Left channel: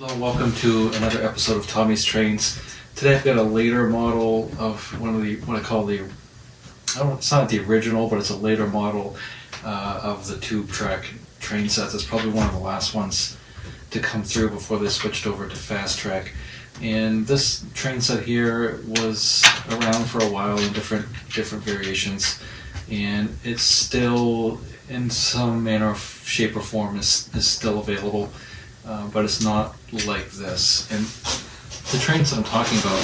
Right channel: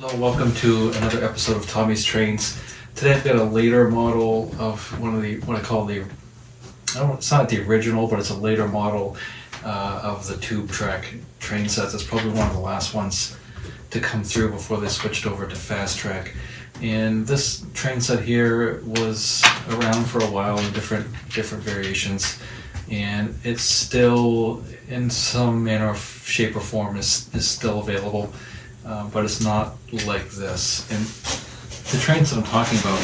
Hello, welcome to another episode of Tommy's Trains. Today I've got a later model of one of the, what I call the, it's not the original, but it's a later model of the tube track train sets. It's probably one of the last ones to come through before they switched over to fast track. And this train set here was around for a while in different variations, and it's still in some manner, shape, or form is still available. But it's not like this. And the trains that I'm talking about,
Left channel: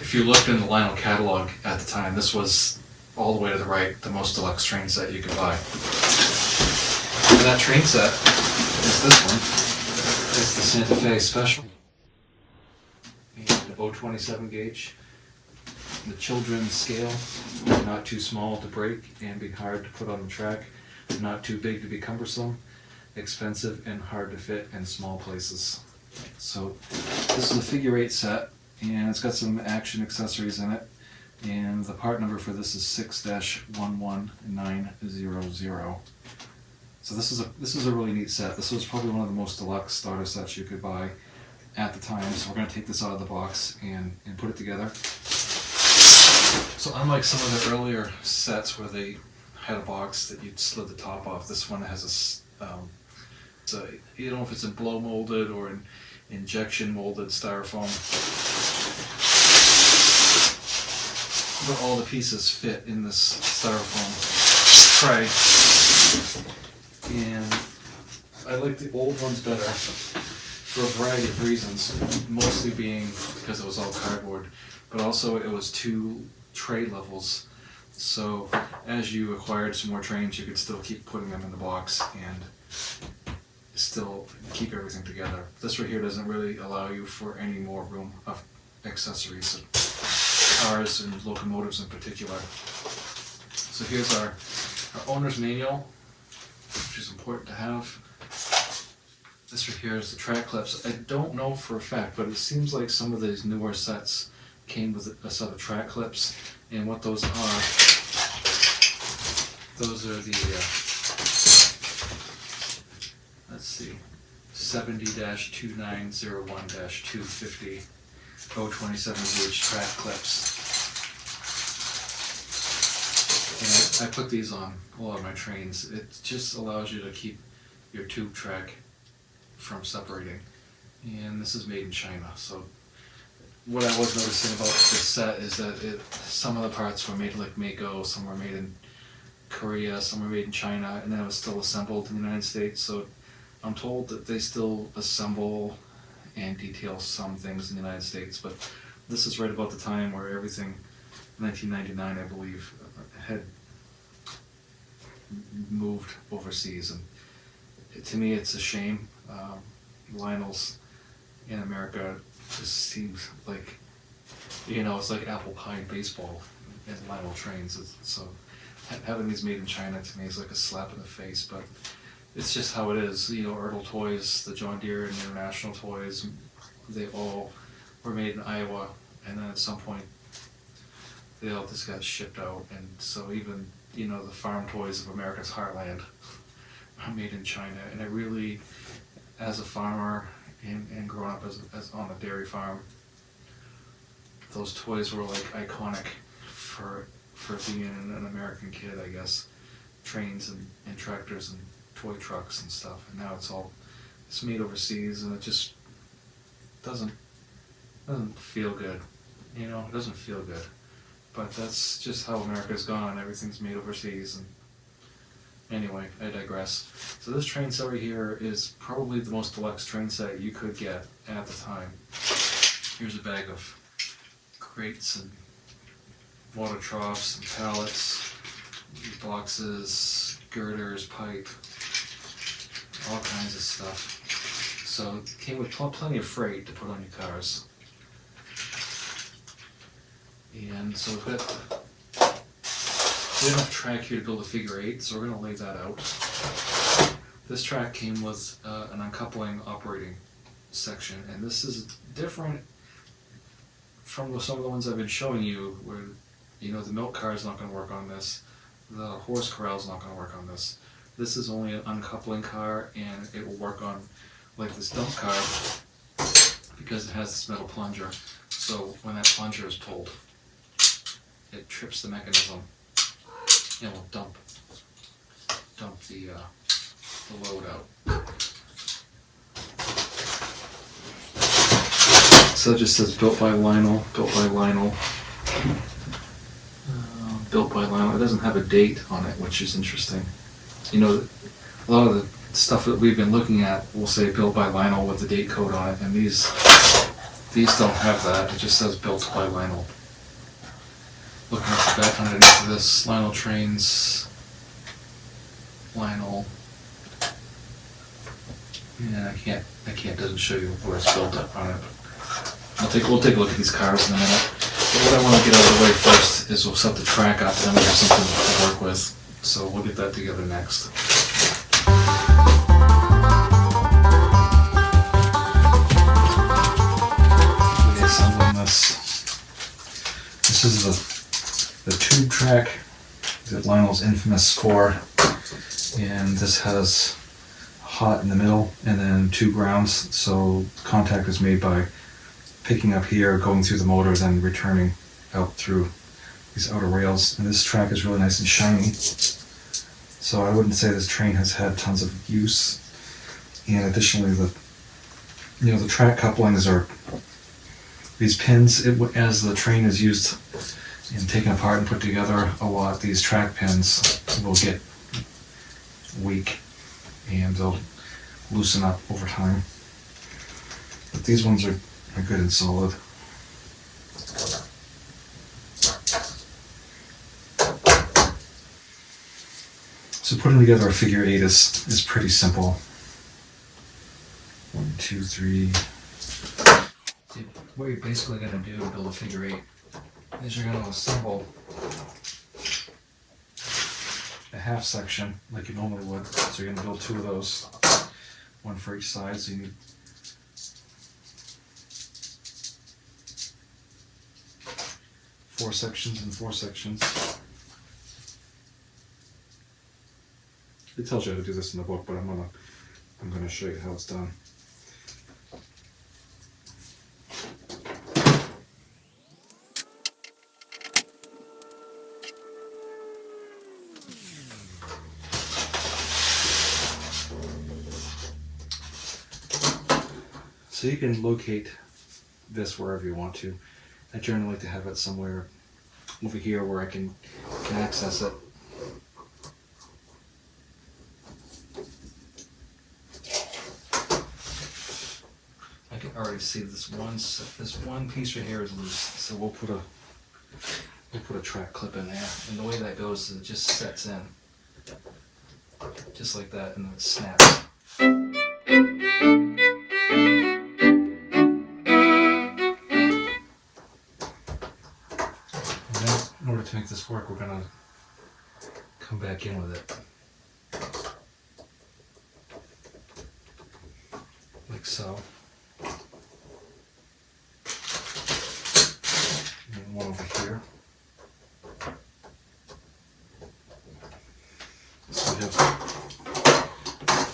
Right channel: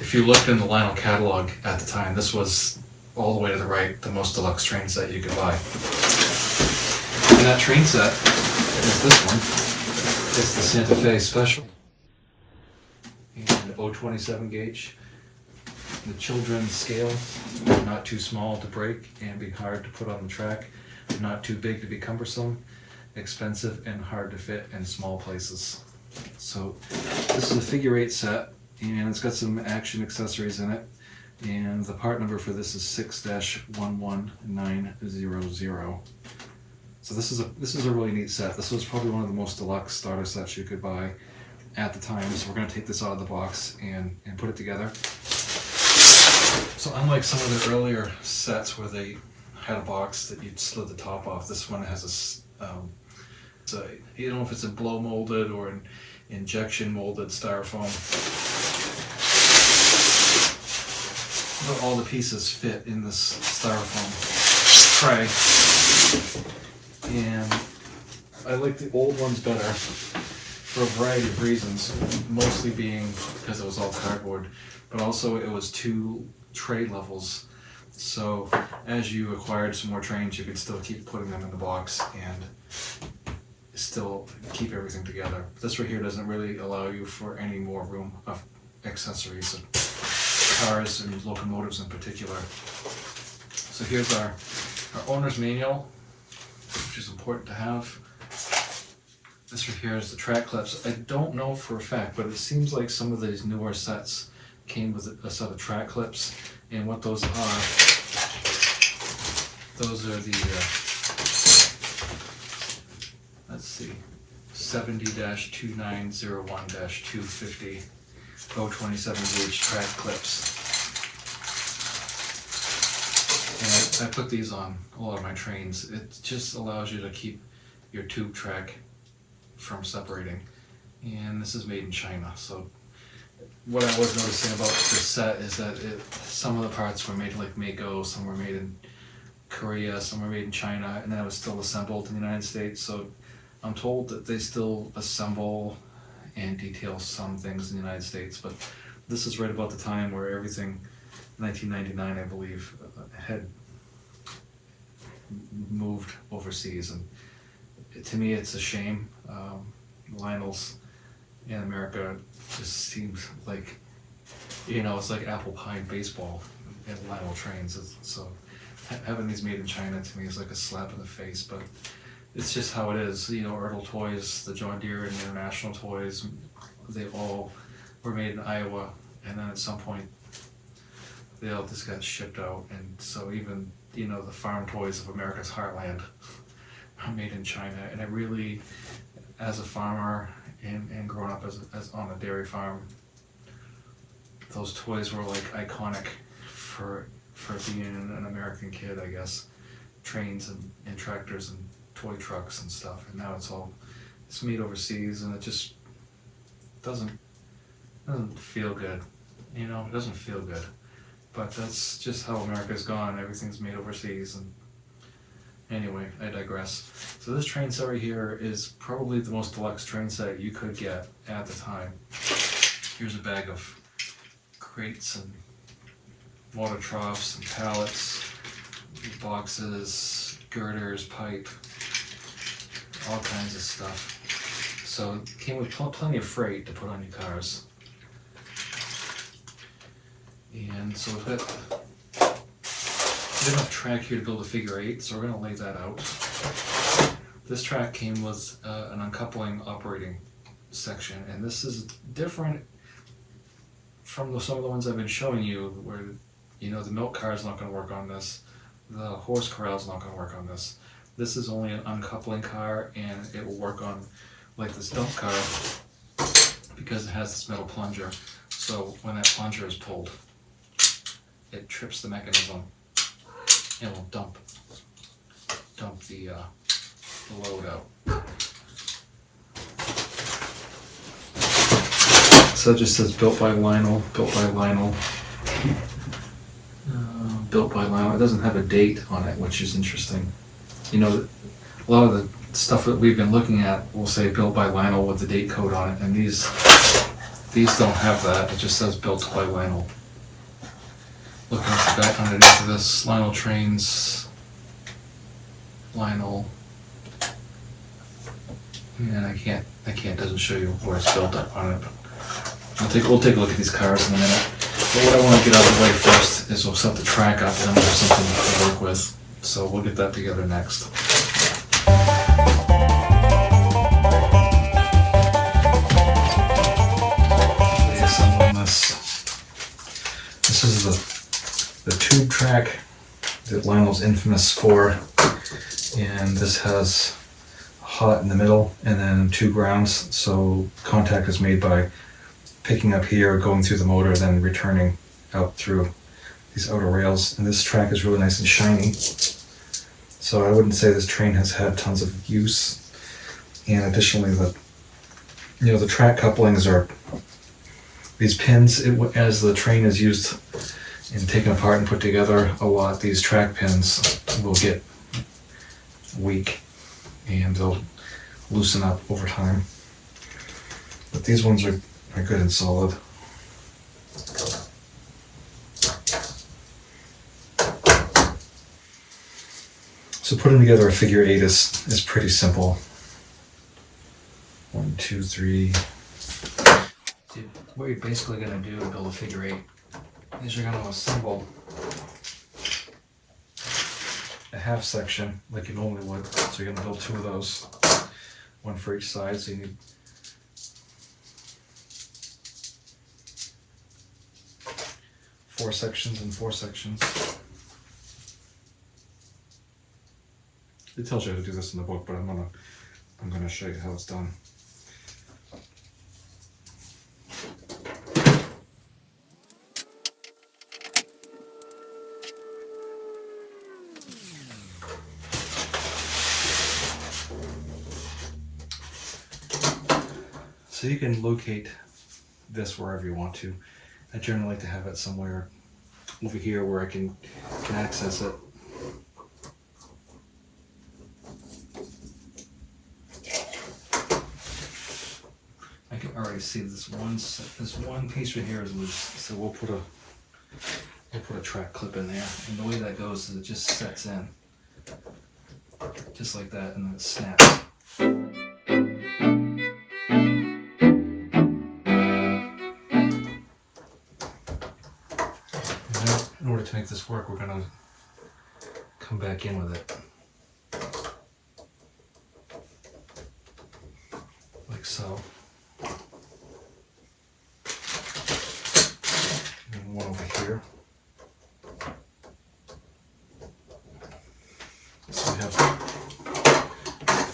if you looked in the Lionel catalog at the time, this was all the way to the right, the most deluxe train set you could buy. And that train set is this one. It's the Santa Fe Special. You get an 027 gauge. The children's scale, not too small to break and be hard to put on the track, not too big to be cumbersome, expensive and hard to fit in small places. So this is a figure 8 set, and it's got some action accessories in it, and the part number for this is 6-11900. So this is a really neat set. This was probably one of the most deluxe starter sets you could buy at the time. So we're going to take this out of the box and put it together. So unlike some of the earlier sets where they had a box that you'd slid the top off, this one has a you don't know if it's a blow molded or an injection molded styrofoam, but all the pieces fit in this styrofoam tray, and I like the old ones better for a variety of reasons, mostly being because it was all cardboard, but also it was 2 tray levels, so as you acquired some more trains you could still keep putting them in the box and still keep everything together. This right here doesn't really allow you for any more room of accessories, cars and locomotives in particular. So here's our owner's manual, which is important to have. This right here is the track clips. I don't know for a fact, but it seems like some of these newer sets came with a set of track clips, and what those are the let's see, 70-2901-250 027 gauge track clips. And I put these on a lot of my trains. It just allows you to keep your tube track from separating. And this is made in China. So what I was noticing about this set is that some of the parts were made like Mako, some were made in Korea, some were made in China, and then it was still assembled in the United States. So I'm told that they still assemble and detail some things in the United States, but this is right about the time where everything, 1999 I believe, had moved overseas, and to me it's a shame. Lionel's in America just seems like, it's like apple pie baseball and Lionel trains. So having these made in China to me is like a slap in the face, but it's just how it is. Ertl Toys, the John Deere and International Toys, they all were made in Iowa, and then at some point they all just got shipped out. And so even, the farm toys of America's heartland are made in China. And I really, as a farmer and growing up as on a dairy farm, those toys were like iconic for being an American kid, I guess. Trains and tractors and toy trucks and stuff, and now it's made overseas, and it just doesn't feel good. It doesn't feel good. But that's just how America's gone. Everything's made overseas. And anyway, I digress. So this train set right here is probably the most deluxe train set you could get at the time. Here's a bag of crates and water troughs and pallets, boxes, girders, pipe, all kinds of stuff. So it came with plenty of freight to put on your cars. And so we have enough track here to build a figure 8, so we're going to lay that out. This track came with an uncoupling operating section, and this is different from some of the ones I've been showing you, where the milk car is not going to work on this, the horse corral is not going to work on this. This is only an uncoupling car, and it will work on like this dump car because it has this metal plunger. So when that plunger is pulled, it trips the mechanism and will dump the load out. So it just says built by Lionel, built by Lionel, built by Lionel. It doesn't have a date on it, which is interesting. You know, a lot of the stuff that we've been looking at will say built by Lionel with the date code on it, and these don't have that. It just says built by Lionel. Looking at the back underneath of this, Lionel trains, Lionel, and I can't, doesn't show you where it's built up on it. But we'll take a look at these cars in a minute. But what I want to get out of the way first is we'll set the track up, and then we have something to work with. So we'll get that together next. This is the tube track that Lionel's infamous for, and this has hot in the middle and then two grounds, so contact is made by picking up here, going through the motor, then returning out through these outer rails. And this track is really nice and shiny, so I wouldn't say this train has had tons of use. And additionally, the track couplings are these pins. As the train is used and taken apart and put together a lot, these track pins will get weak and they'll loosen up over time. But these ones are good and solid. So putting together a figure 8 is pretty simple. 1, 2, 3. What you're basically going to do to build a figure 8 is you're going to assemble a half section like you normally would. So you're going to build 2 of those, one for each side. So you need 4 sections and 4 sections. It tells you how to do this in the book, but I'm gonna show you how it's done. So you can locate this wherever you want to. I generally like to have it somewhere over here where I can access it. I can already see this one piece right here is loose, so we'll put a track clip in there, and the way that goes is it just sets in, just like that, and then it snaps. In order to make this work, we're going to come back in with it. Like so. And one over here. So we have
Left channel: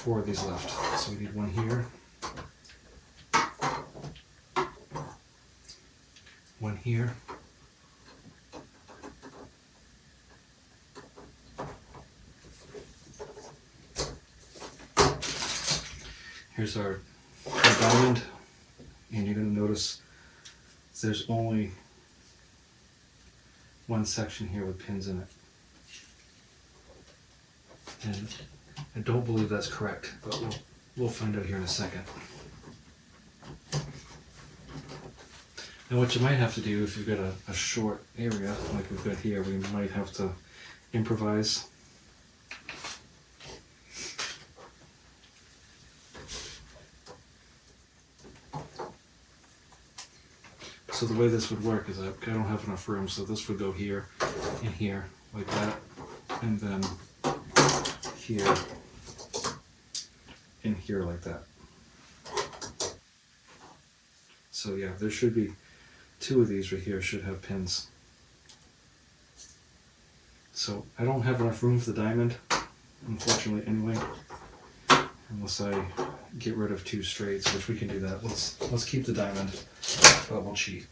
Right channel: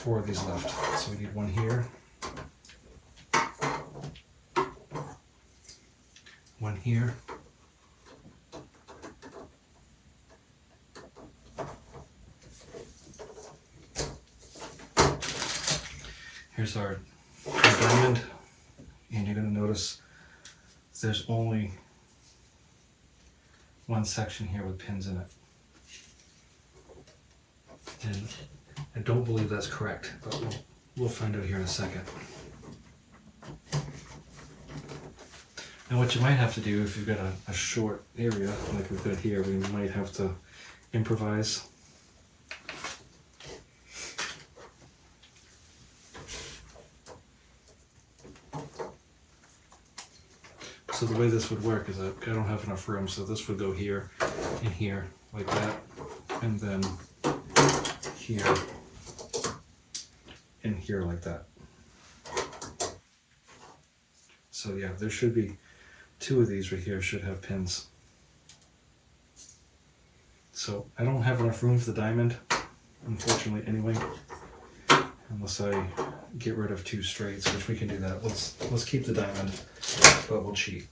4 of these left. So we need one here. One here. Here's our diamond, and you're going to notice there's only one section here with pins in it. And I don't believe that's correct, but we'll find out here in a second. And what you might have to do if you've got a short area like we've got here, we might have to improvise. So the way this would work is I don't have enough room, so this would go here and here like that, and then here and here like that. So yeah, there should be 2 of these right here should have pins. So I don't have enough room for the diamond, unfortunately anyway. unless I get rid of 2 straights, which we can do that. Let's keep the diamond, but we'll cheat.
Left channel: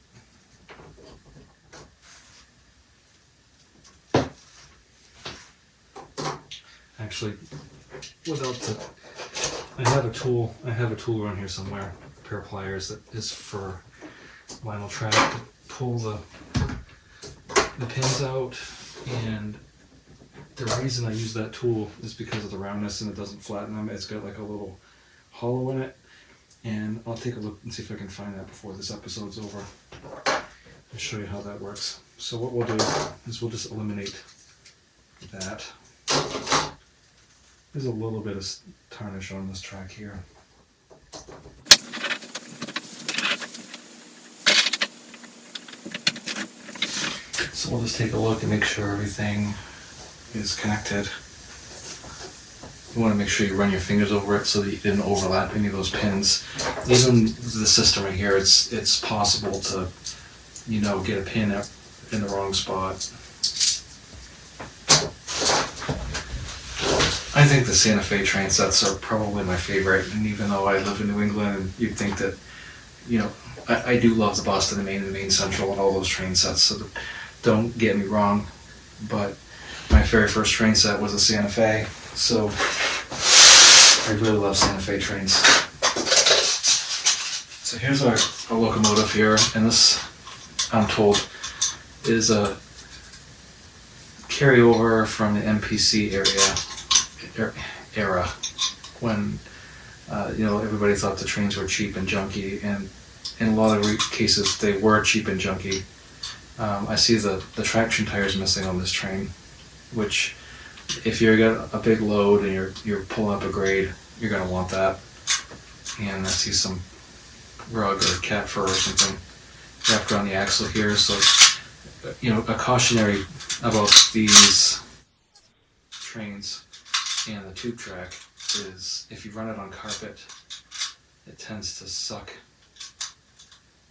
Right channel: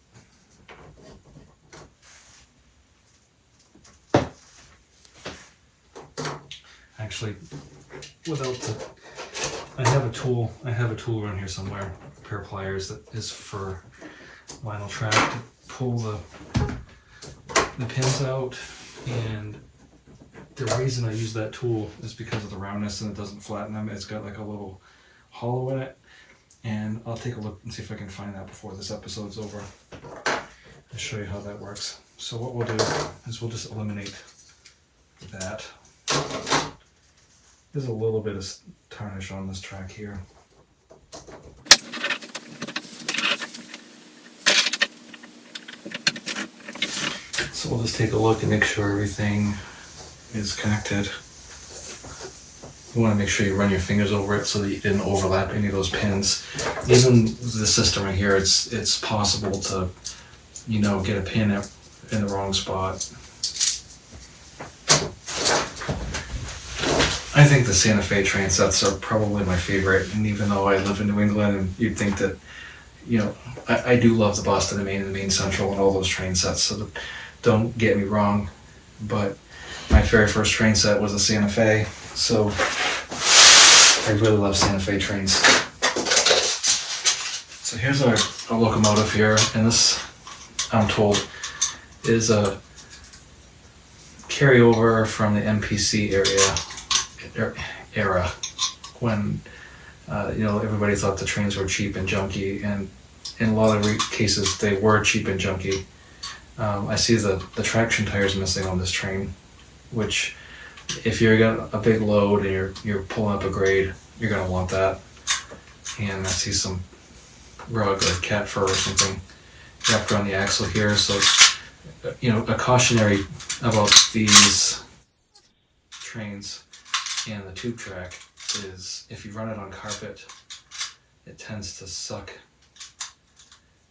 Actually, I have a tool around here somewhere, a pair of pliers that is for vinyl track to pull the pins out, and the reason I use that tool is because of the roundness and it doesn't flatten them. It's got like a little hollow in it, and I'll take a look and see if I can find that before this episode's over. I'll show you how that works. So what we'll do is we'll just eliminate that. There's a little bit of tarnish on this track here. So we'll just take a look and make sure everything is connected. You want to make sure you run your fingers over it so that you didn't overlap any of those pins. Even the system right here, it's possible to, get a pin in the wrong spot. I think the Santa Fe train sets are probably my favorite, and even though I live in New England, and you'd think that, I do love the Boston and Maine and the Maine Central and all those train sets, so don't get me wrong, but my very first train set was a Santa Fe, so I really love Santa Fe trains. So here's our locomotive here, and this, I'm told, is a carryover from the MPC era when everybody thought the trains were cheap and junky, and in a lot of cases they were cheap and junky. I see the traction tires missing on this train, which if you've got a big load and you're pulling up a grade, you're going to want that. And I see some rug or cat fur or something wrapped around the axle here. So, a cautionary about these trains and the tube track is if you run it on carpet, it tends to suck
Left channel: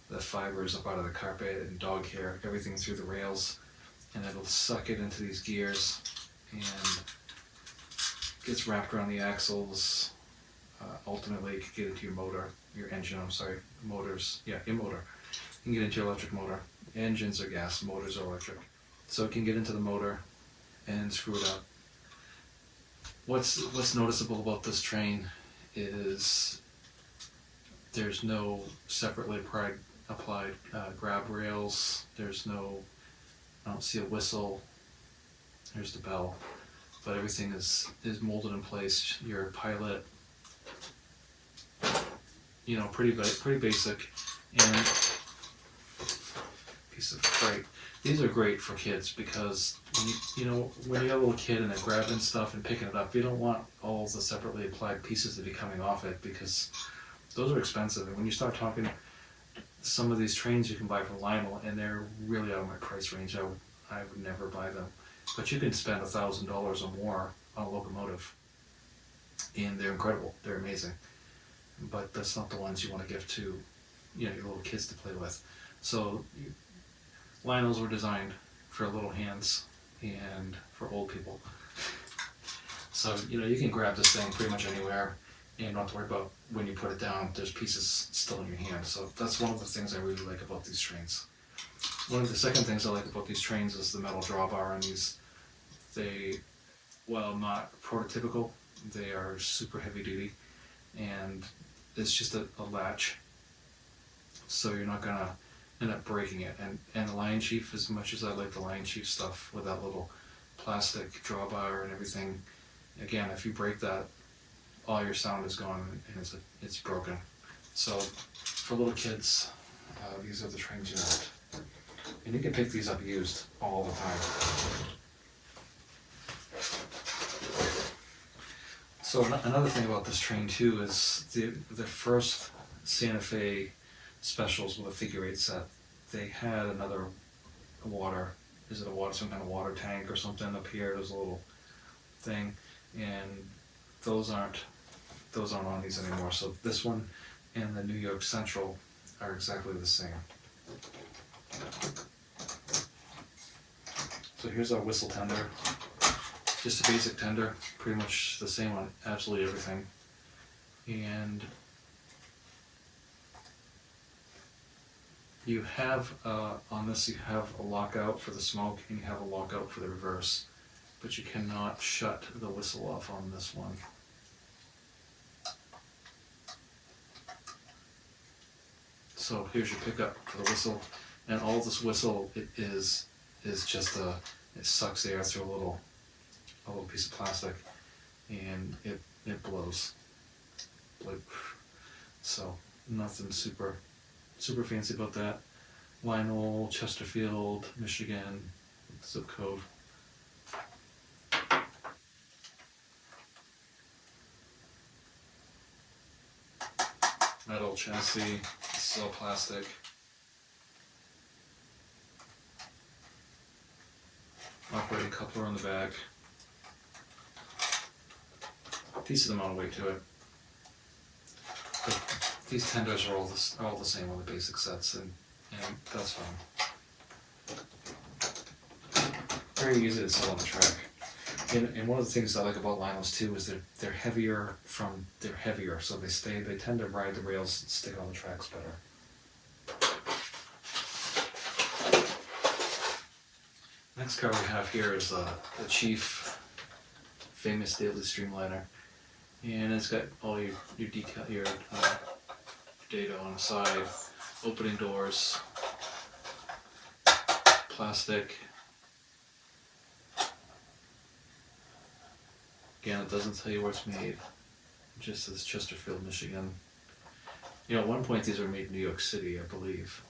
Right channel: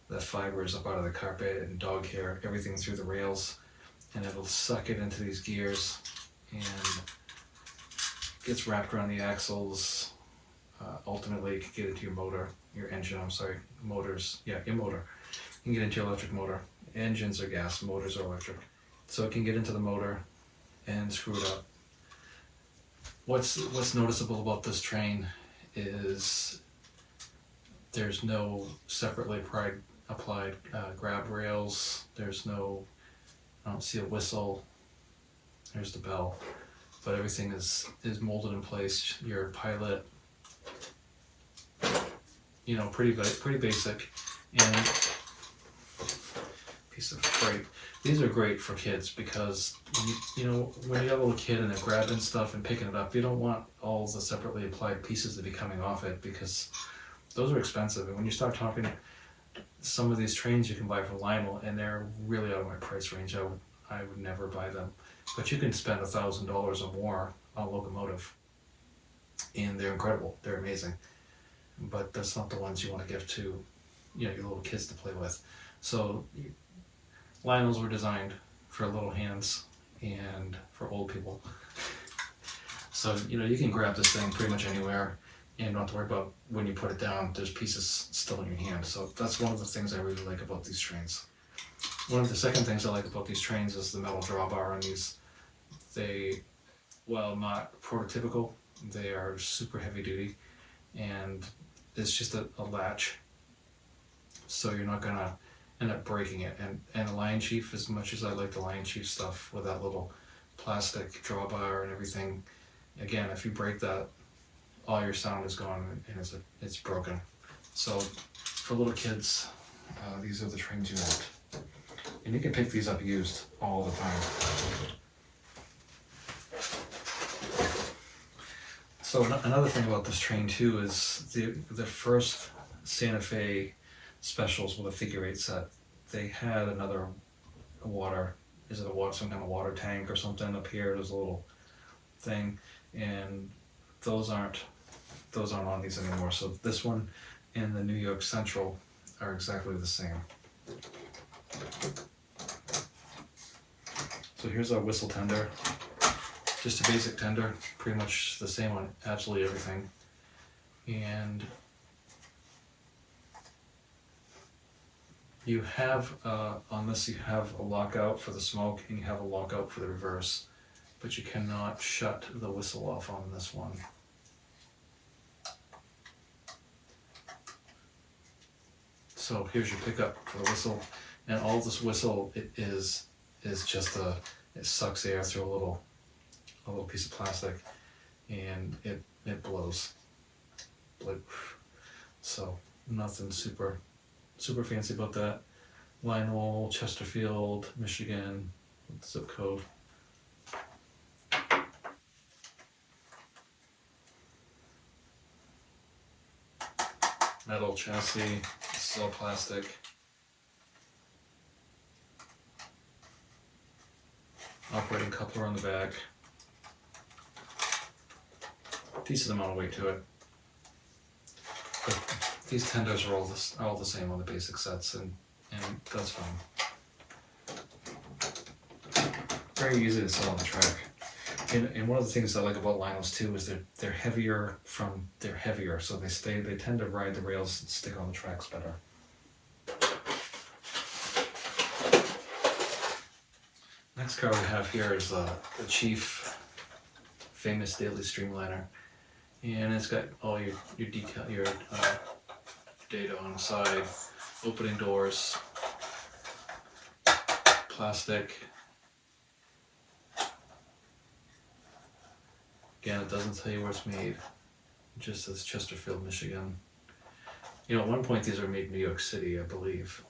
the fibers up out of the carpet and dog hair, everything through the rails, and it'll suck it into these gears and gets wrapped around the axles. Ultimately, it can get into your engine, motors. Yeah, your motor. You can get into your electric motor. Engines are gas, motors are electric. So it can get into the motor and screw it up. What's noticeable about this train is there's no separately applied grab rails. I don't see a whistle. There's the bell, but everything is molded in place. Your pilot, pretty basic, and piece of freight. These are great for kids because, when you have a little kid and they're grabbing stuff and picking it up, you don't want all the separately applied pieces to be coming off it because those are expensive. And when you start talking, some of these trains you can buy from Lionel, and they're really out of my price range. I would never buy them. But you can spend $1,000 or more on a Locomotive, and they're incredible. They're amazing. But that's not the ones you want to give to, your little kids to play with. So Lionels were designed for little hands and for old people. So, you can grab this thing pretty much anywhere and not have to worry about when you put it down, there's pieces still in your hand. So that's one of the things I really like about these trains. One of the second things I like about these trains is the metal drawbar on these. They, while not prototypical, they are super heavy duty, and it's just a latch. So you're not gonna end up breaking it. And the Lion Chief, as much as I like the Lion Chief stuff with that little plastic drawbar and everything, again, if you break that, all your sound is gone and it's broken. So for little kids, these are the trains you want. And you can pick these up used all the time. So another thing about this train too is the first Santa Fe specials with a figure eight set, they had another some kind of water tank or something up here. There's a little thing, and those aren't on these anymore. So this one and the New York Central are exactly the same. So here's our whistle tender. Just a basic tender, pretty much the same on absolutely everything. And you have, on this you have a lockout for the smoke and you have a lockout for the reverse, but you cannot shut the whistle off on this one. So here's your pickup for the whistle, and all this whistle is just it sucks air through a little piece of plastic, and it blows. So nothing super fancy about that. Lionel, Chesterfield, Michigan, zip code. Metal chassis, this is all plastic. Operating coupler on the back. Decent amount of weight to it. But these tenders are all the same on the basic sets, and that's fine. Very easy to sell on the track. And one of the things I like about Lionels too is they're heavier, so they tend to ride the rails and stick on the tracks better. Next car we have here is the Chief famous daily streamliner, and it's got all your detail, your data on the side, opening doors, plastic. Again, it doesn't tell you where it's made. It just says Chesterfield, Michigan. You know, at one point these were made in New York City, I believe.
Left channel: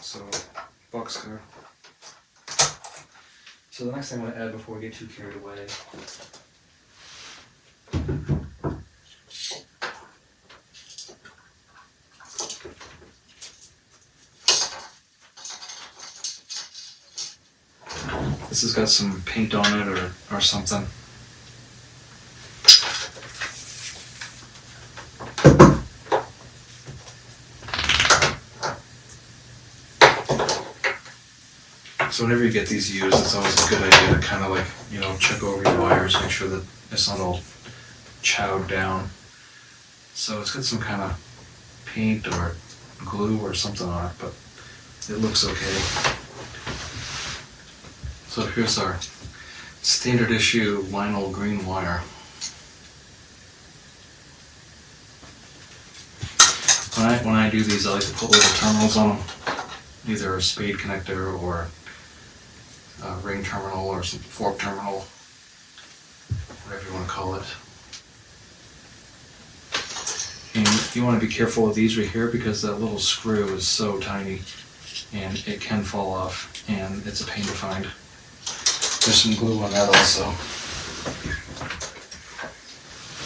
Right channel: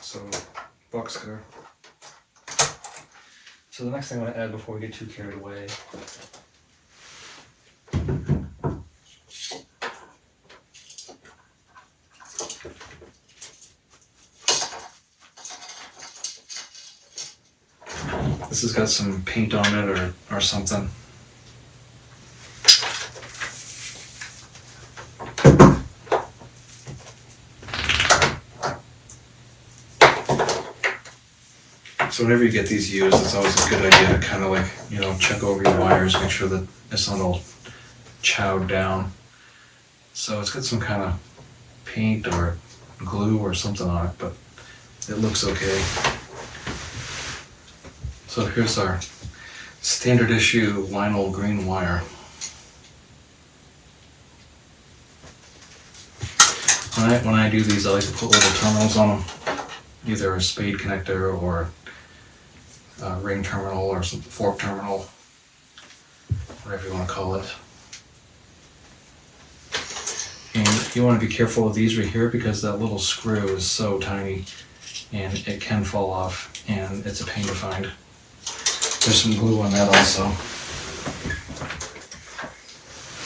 So, boxcar. So the next thing I want to add before we get too carried away. This has got some paint on it or something. So whenever you get these used, it's always a good idea to kind of like, you know, check over your wires, make sure that it's not all chowed down. So it's got some kind of paint or glue or something on it, but it looks okay. So here's our standard issue Lionel green wire. When I do these, I like to put little terminals on them, either a spade connector or a ring terminal or some fork terminal, whatever you want to call it. And you want to be careful of these right here because that little screw is so tiny and it can fall off and it's a pain to find. There's some glue on that also.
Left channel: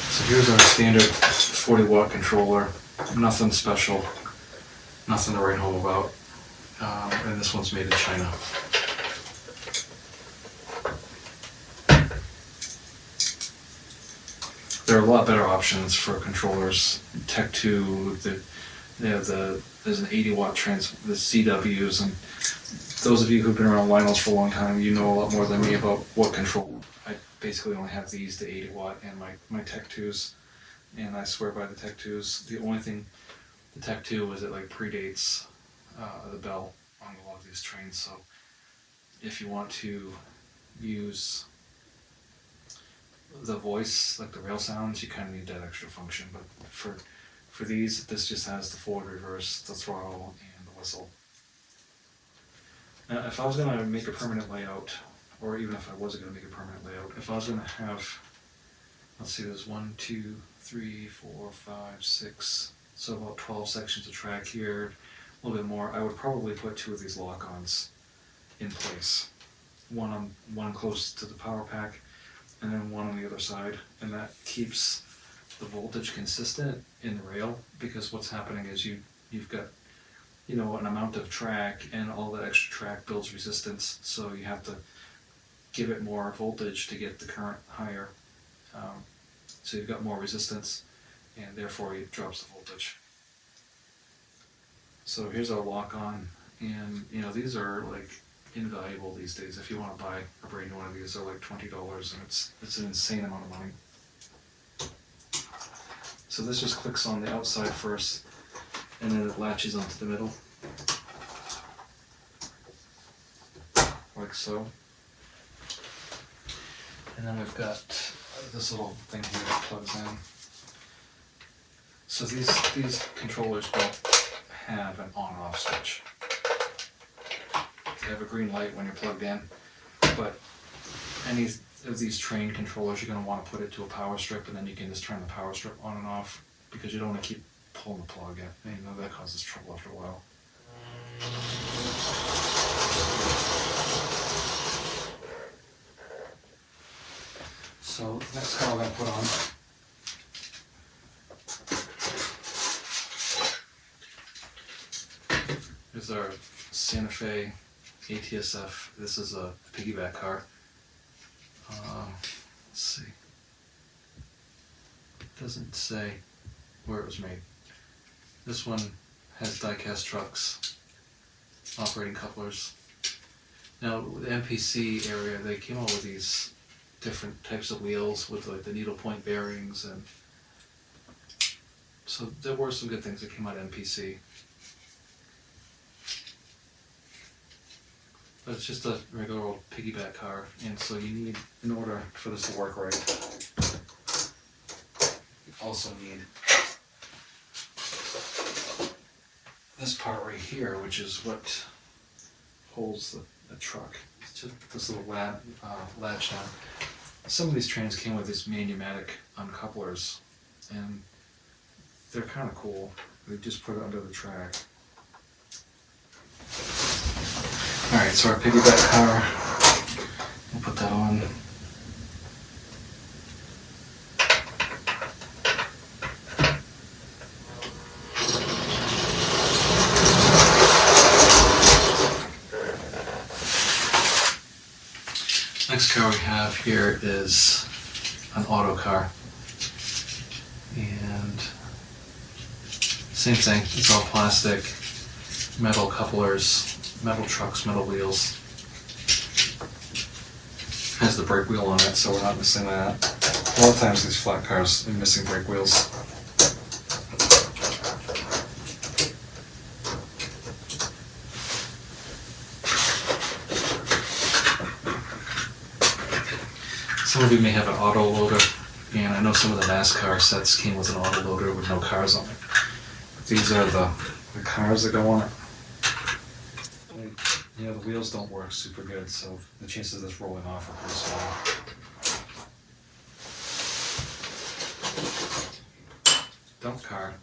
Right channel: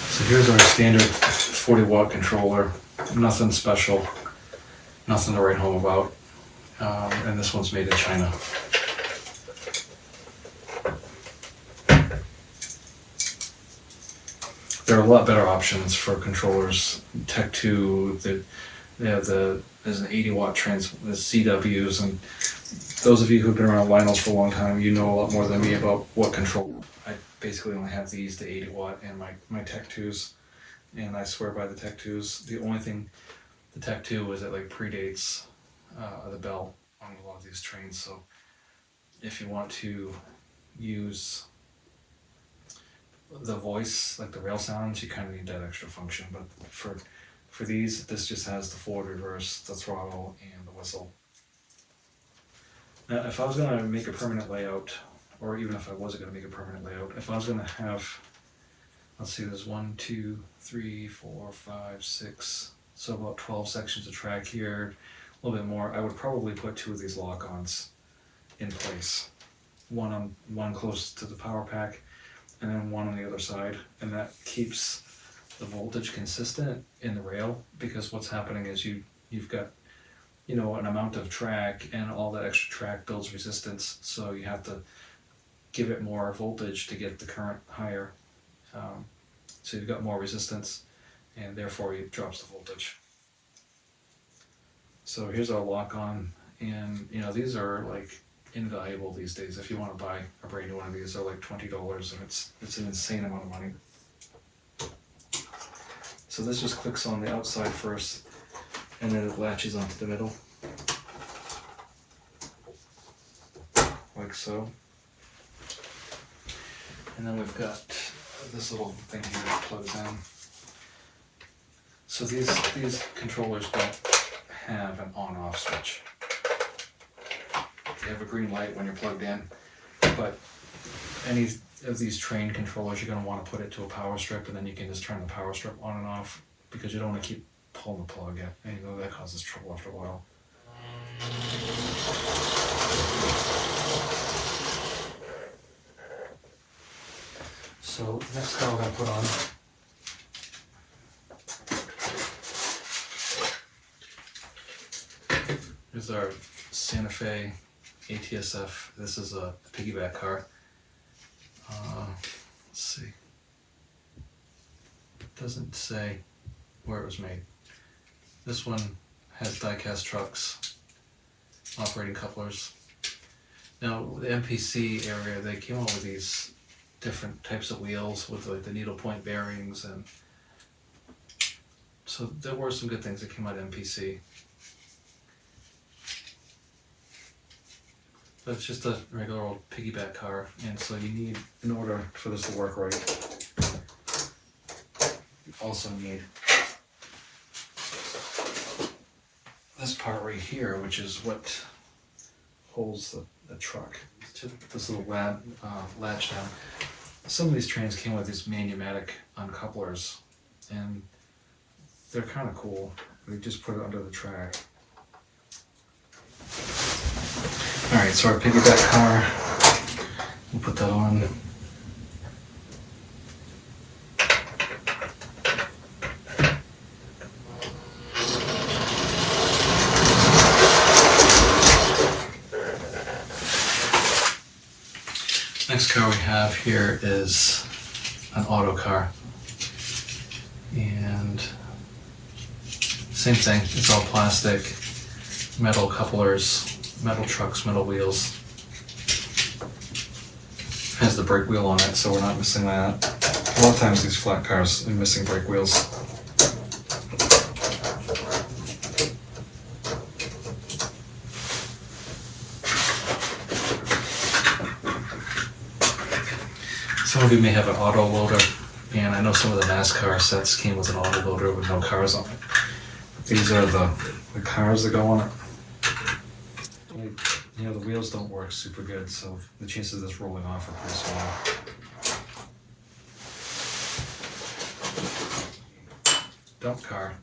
So here's our standard 40 watt controller. Nothing special, nothing to write home about. And this one's made in China. There are a lot better options for controllers. Tech 2, there's an 80 watt the CWs, and those of you who've been around Lionels for a long time, you know a lot more than me about what control. I basically only have these, the 80 watt, and my Tech 2s, and I swear by the Tech 2s. The only thing, the Tech 2 is it like predates the bell on a lot of these trains, so if you want to use the voice, like the rail sounds, you kind of need that extra function, but for these, this just has the forward, reverse, the throttle, and the whistle. Now, if I was going to make a permanent layout, or even if I wasn't going to make a permanent layout, if I was going to have, let's see, there's 1, 2, 3, 4, 5, 6, so about 12 sections of track here, a little bit more, I would probably put 2 of these lock-ons in place. One close to the power pack, and then one on the other side, and that keeps the voltage consistent in the rail, because what's happening is you've got, you know, an amount of track, and all that extra track builds resistance, so you have to give it more voltage to get the current higher. So you've got more resistance, and therefore it drops the voltage. So here's our lock-on, and you know, these are like invaluable these days. If you want to buy a brand new one of these, they're like $20, and it's an insane amount of money. So this just clicks on the outside first, and then it latches onto the middle, like so. And then we've got this little thing here that plugs in. So these controllers don't have an on-off switch. They have a green light when you're plugged in, but any of these train controllers, you're going to want to put it to a power strip, and then you can just turn the power strip on and off, because you don't want to keep pulling the plug in. And you know that causes trouble after a while. So the next car we're going to put on is our Santa Fe ATSF. This is a piggyback car. Let's see. It doesn't say where it was made. This one has die-cast trucks, operating couplers. Now, the MPC area, they came out with these different types of wheels with like the needlepoint bearings, and so there were some good things that came out of MPC. But it's just a regular old piggyback car, and so you need, in order for this to work right, you also need this part right here, which is what holds the truck. It's just this little latch down. Some of these trains came with these manumatic uncouplers, and they're kind of cool. We just put it under the track. Alright, so our piggyback car, we'll put that on. Next car we have here is an auto car, and same thing, it's all plastic, metal couplers, metal trucks, metal wheels. Has the brake wheel on it, so we're not missing that. A lot of times these flat cars are missing brake wheels. Some of you may have an auto loader, and I know some of the NASCAR sets came with an auto loader with no cars on it. But these are the cars that go on it. You know, the wheels don't work super good, so the chances of this rolling off are pretty small. Dump car.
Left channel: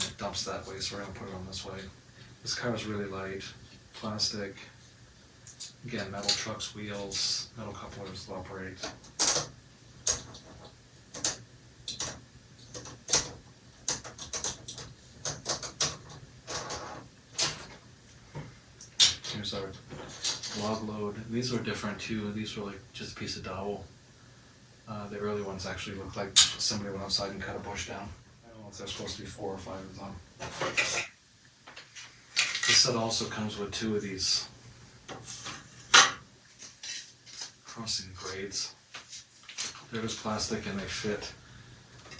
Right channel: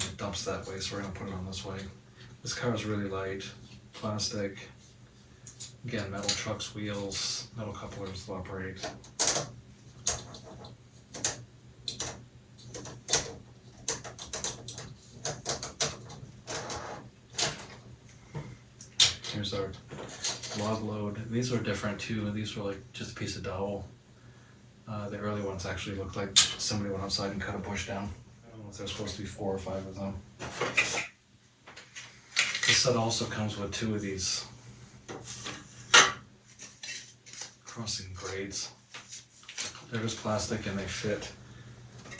And it dumps that way, so we're going to put it on this way. This car is really light, plastic. Again, metal trucks, wheels, metal couplers will operate. Here's our log load. These were different too. These were like just a piece of dowel. The early ones actually looked like somebody went outside and cut a bush down. I don't know if there's supposed to be 4 or 5 of them. This set also comes with 2 of these crossing grades. They're just plastic and they fit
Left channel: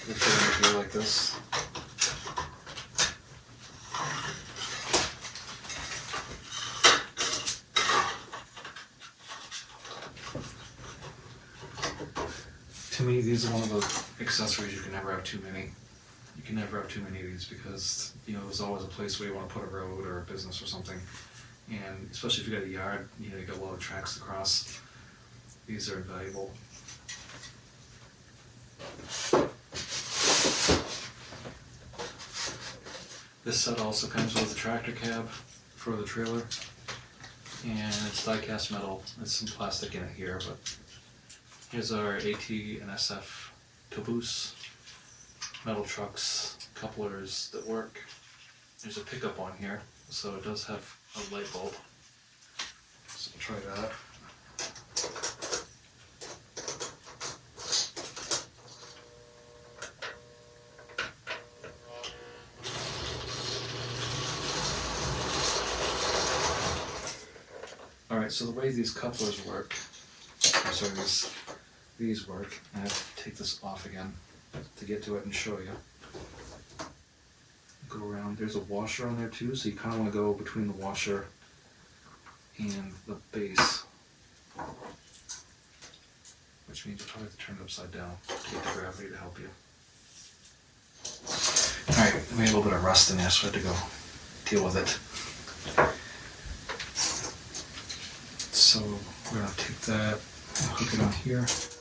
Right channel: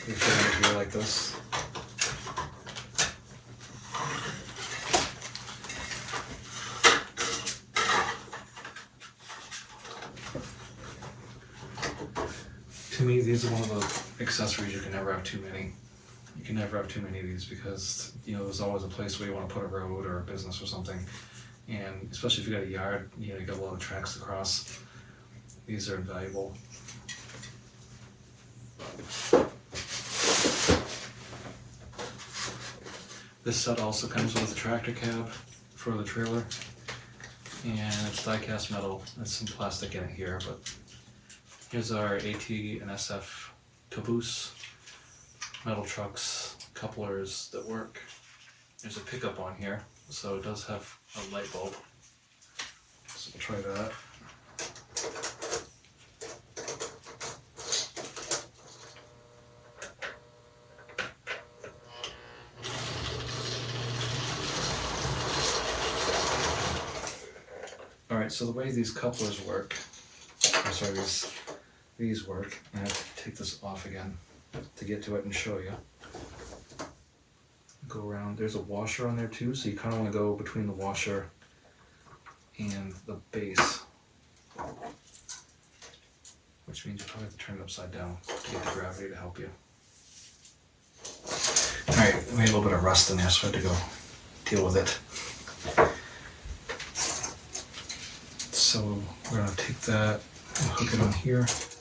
in here like this. To me, these are one of the accessories you can never have too many. You can never have too many of these because, you know, there's always a place where you want to put a road or a business or something. And especially if you got a yard, you know, you got a lot of tracks to cross. These are invaluable. This set also comes with a tractor cab for the trailer, and it's die-cast metal. There's some plastic in it here, but here's our AT and SF caboose, metal trucks, couplers that work. There's a pickup on here, so it does have a light bulb. So we'll try that. Alright, so the way these couplers work, I'm sorry, these work, and I have to take this off again to get to it and show you. Go around, there's a washer on there too, so you kind of want to go between the washer and the base, which means you probably have to turn it upside down to get the gravity to help you. Alright, we made a little bit of rust in there, so I had to go deal with it. So we're going to take that and hook it on here. So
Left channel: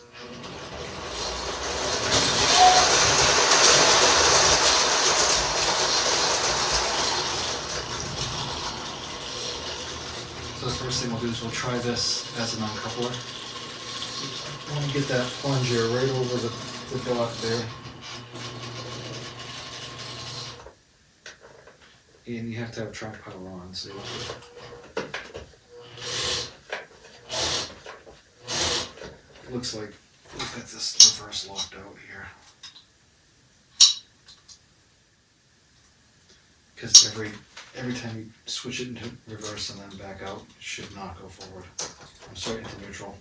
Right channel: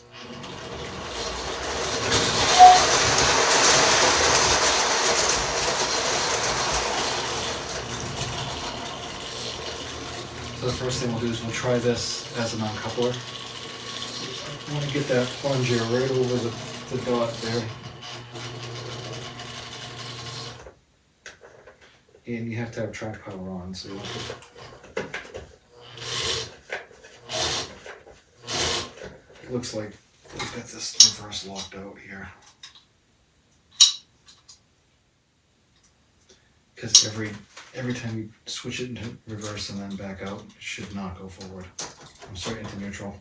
the first thing we'll do is we'll try this as a non-coupler. I want to get that plunger right over the dot there. And you have to have track power on, so it looks like we've got this reverse locked out here. Because every time you switch it into reverse and then back out, it should not go forward. I'm sorry, into neutral.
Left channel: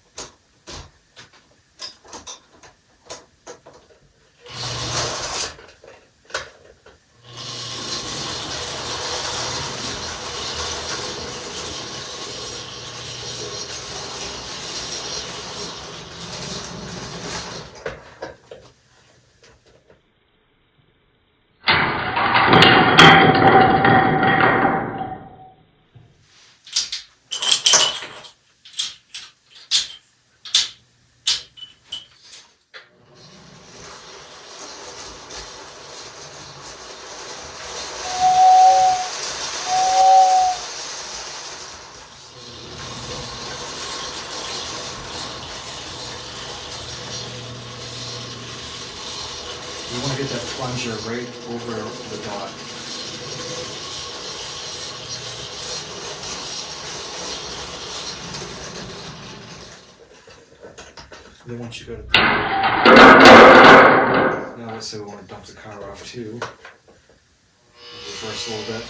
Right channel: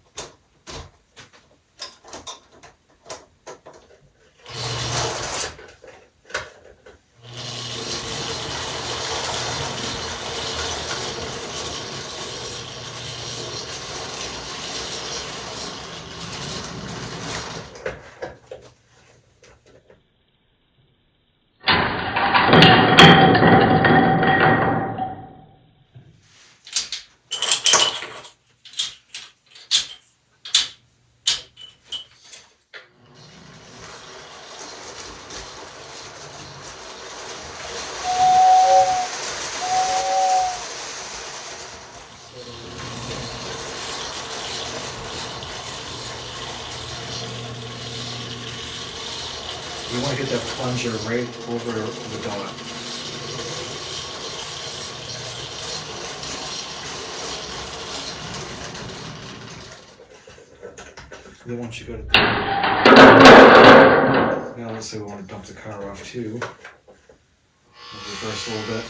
You want to get that plunger right over the dot. Then once you go to now let's say we want to dump the car off too. We'll reverse a little bit.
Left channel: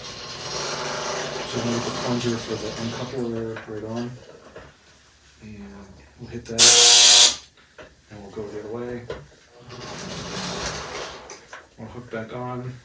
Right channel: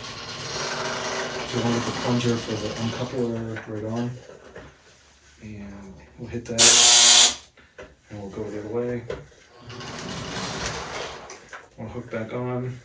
So we want to get the plunger for the uncoupler right on. And we'll hit that. And we'll go the other way. We'll hook back on.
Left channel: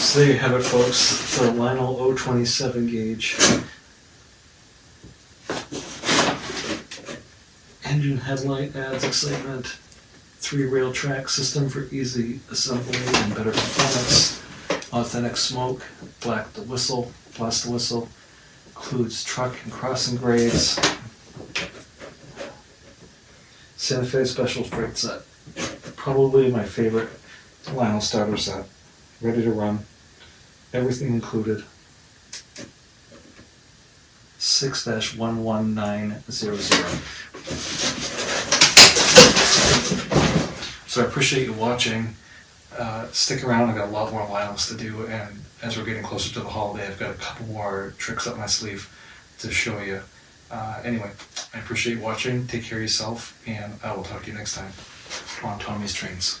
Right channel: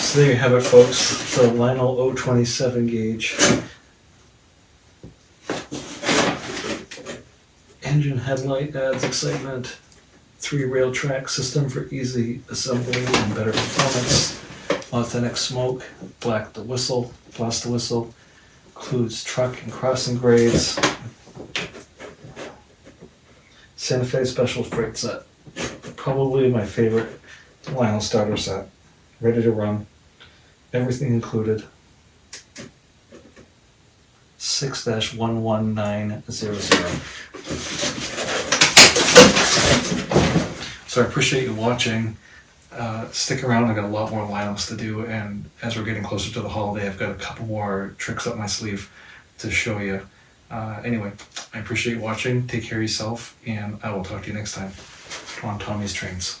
So there you have it, folks, the Lionel 027 gauge. Engine headlight adds excitement. 3-rail track system for easy assembly and better performance. Authentic smoke, blast the whistle. Includes truck and crossing grades. Santa Fe special freight set. Probably my favorite Lionel starter set. Ready to run. Everything included. 6-11900. So I appreciate you watching. Stick around, I've got a lot more Lionels to do, and as we're getting closer to the holiday, I've got a couple more tricks up my sleeve to show you. Anyway, I appreciate you watching. Take care of yourself, and I will talk to you next time on Tommy's Trains.